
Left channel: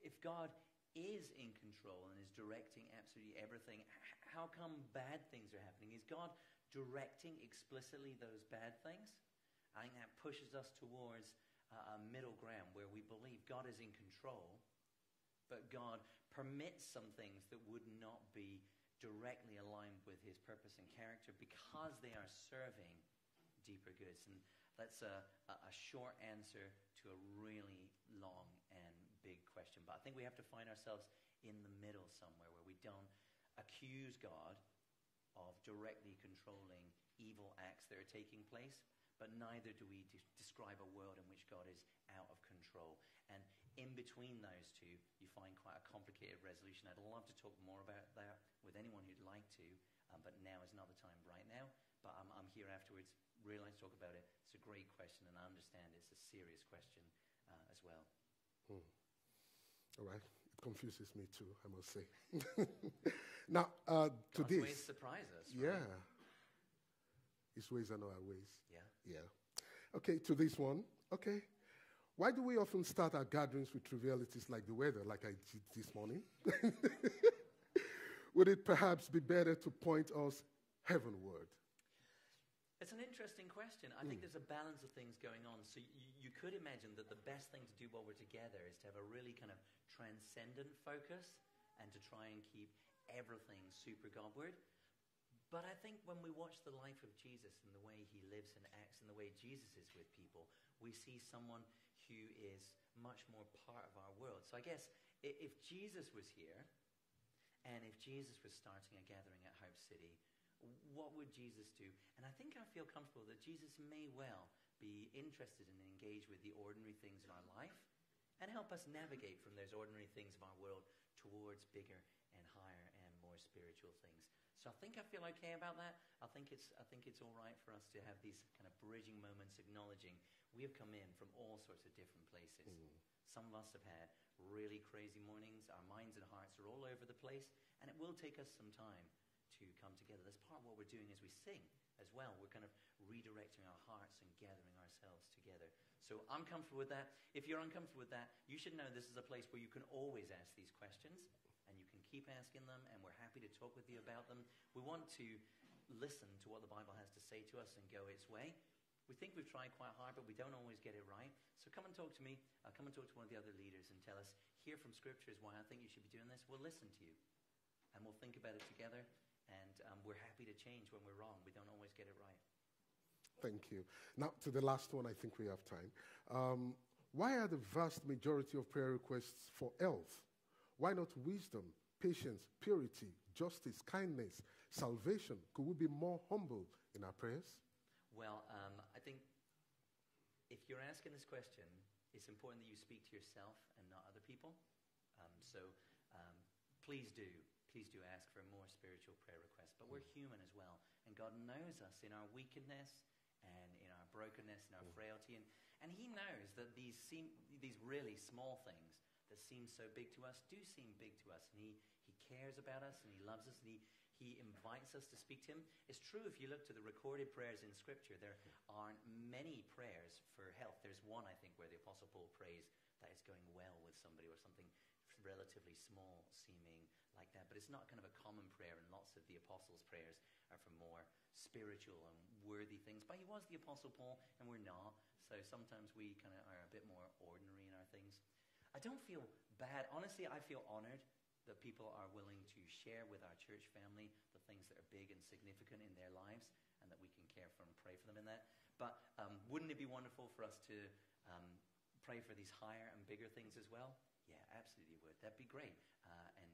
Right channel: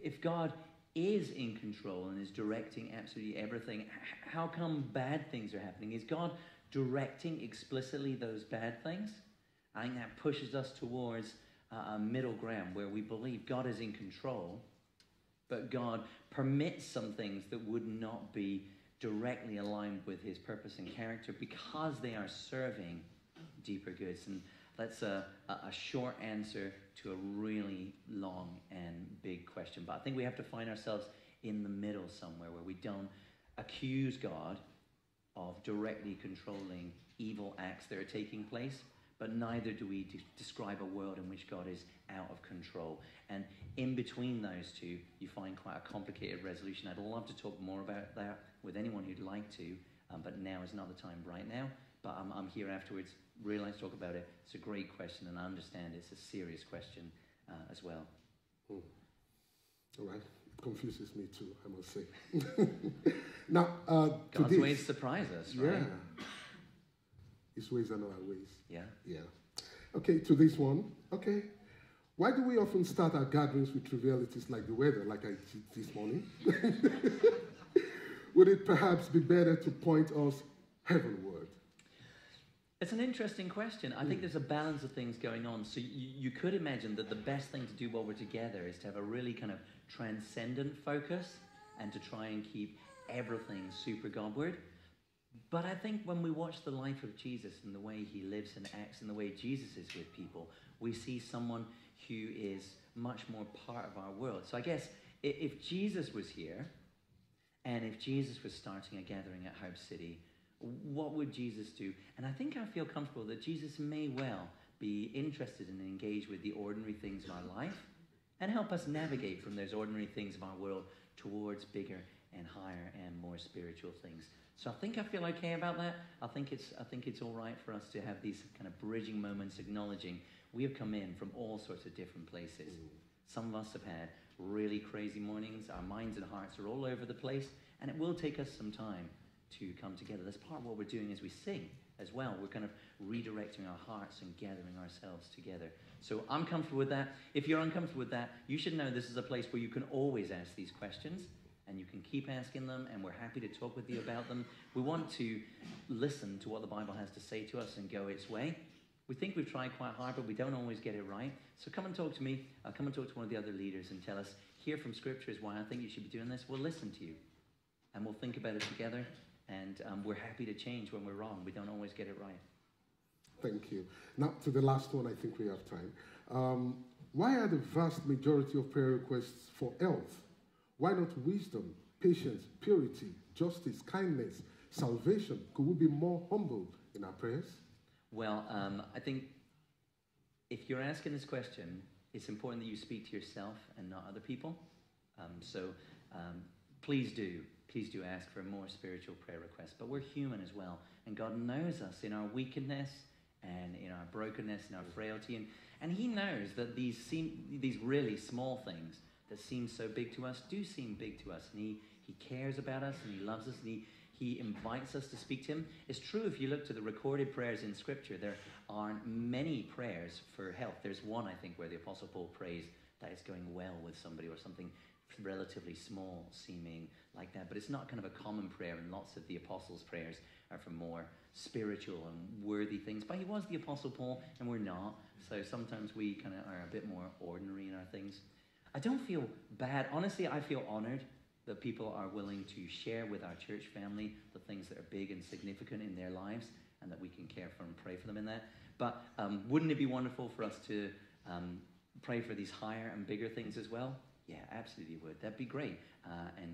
if God is in control and is directing absolutely everything, how come bad things are happening? Is God directing explicitly those bad things? I think that pushes us towards a middle ground where we believe God is in control, but God permits some things that would not be directly aligned with his purpose and character because they are serving deeper goods. And that's a short answer to a really long and big question. But I think we have to find ourselves in the middle somewhere where we don't accuse God of directly controlling evil acts that are taking place, but neither do we describe a world in which God is out of control. And in between those two, you find quite a complicated resolution. I'd love to talk more about that with anyone who'd like to, but now is not the time right now. But I'm here afterwards. Really like to talk about it. It's a great question, and I understand it's a serious question as well. All right. It confuses me too, I must say. Now, God's ways surprise us, right? Yeah. His ways are not our ways. Yeah. Yeah. Okay, to this one. Okay. Why do we often start our gatherings with trivialities like the weather, like I did this morning? Would it perhaps be better to point us heavenward? It's an interesting question. I think there's a balance of things going on. So you could imagine that the best thing to do while we're together is to have a really kind of transcendent focus and to try and keep everything super Godward. But I think when we watch the life of Jesus and the way he lives and acts and the way Jesus is with people, we see someone who is much more part of our world. So I guess if Jesus was here and if Jesus was starting a gathering at Hope City, what would Jesus do? And I think I feel comfortable that Jesus may well be interested and engaged with the ordinary things of our life and help us navigate from those ordinary things of our world towards bigger and higher and more spiritual things. So I think I feel okay about that. I think it's all right for us to have these kind of bridging moments, acknowledging we have come in from all sorts of different places. Some of us have had really crazy mornings. Our minds and hearts are all over the place, and it will take us some time to come together. That's part of what we're doing as we sing as well. We're kind of redirecting our hearts and gathering ourselves together. So I'm comfortable with that. If you're uncomfortable with that, you should know this is a place where you can always ask these questions, and you can keep asking them, and we're happy to talk with you about them. We want to listen to what the Bible has to say to us and go its way. We think we've tried quite hard, but we don't always get it right. So come and talk to me. Come and talk to one of the other leaders and tell us, here from Scripture is why I think you should be doing this. We'll listen to you, and we'll think about it together. And we're happy to change when we're wrong. We don't always get it right. Thank you. Now, to the last one, I think we have time. Why are the vast majority of prayer requests for health? Why not wisdom, patience, purity, justice, kindness, salvation? Could we be more humble in our prayers? Well, I think if you're asking this question, it's important that you speak to yourself and not other people. Please do ask for more spiritual prayer requests. But we're human as well. And God knows us in our wickedness and in our brokenness and our frailty. And he knows that these really small things that seem so big to us do seem big to us. And he cares about us and he loves us and he invites us to speak to him. It's true if you look to the recorded prayers in Scripture, there aren't many prayers for health. There's one, I think, where the Apostle Paul prays that it's going well with somebody or something relatively small seeming like that, but it's not kind of a common prayer, and lots of the apostles' prayers are for more spiritual and worthy things. But he was the Apostle Paul, and we're not, so sometimes we kind of are a bit more ordinary in our things. I don't feel bad. Honestly, I feel honored that people are willing to share with our church family the things that are big and significant in their lives, and that we can care for and pray for them in that. But wouldn't it be wonderful for us to pray for these higher and bigger things as well? Yeah, absolutely would. That'd be great. And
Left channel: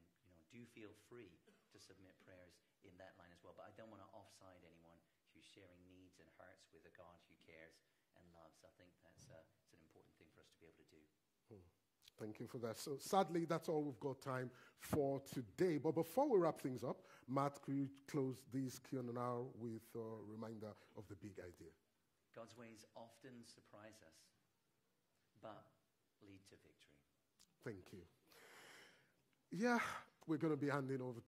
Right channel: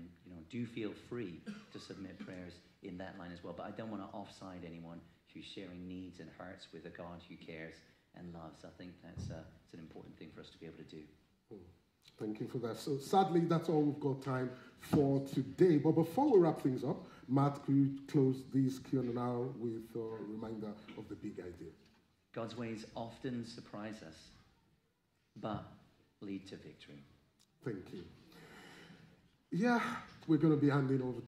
do feel free to submit prayers in that line as well. But I don't want to offside anyone who's sharing needs and hearts with a God who cares and loves. I think it's an important thing for us to be able to do. Thank you for that. So sadly, that's all we've got time for today. But before we wrap things up, Matt, could you close this Q&A with a reminder of the big idea? God's ways often surprise us, but lead to victory. Thank you. Yeah, we're going to be handing over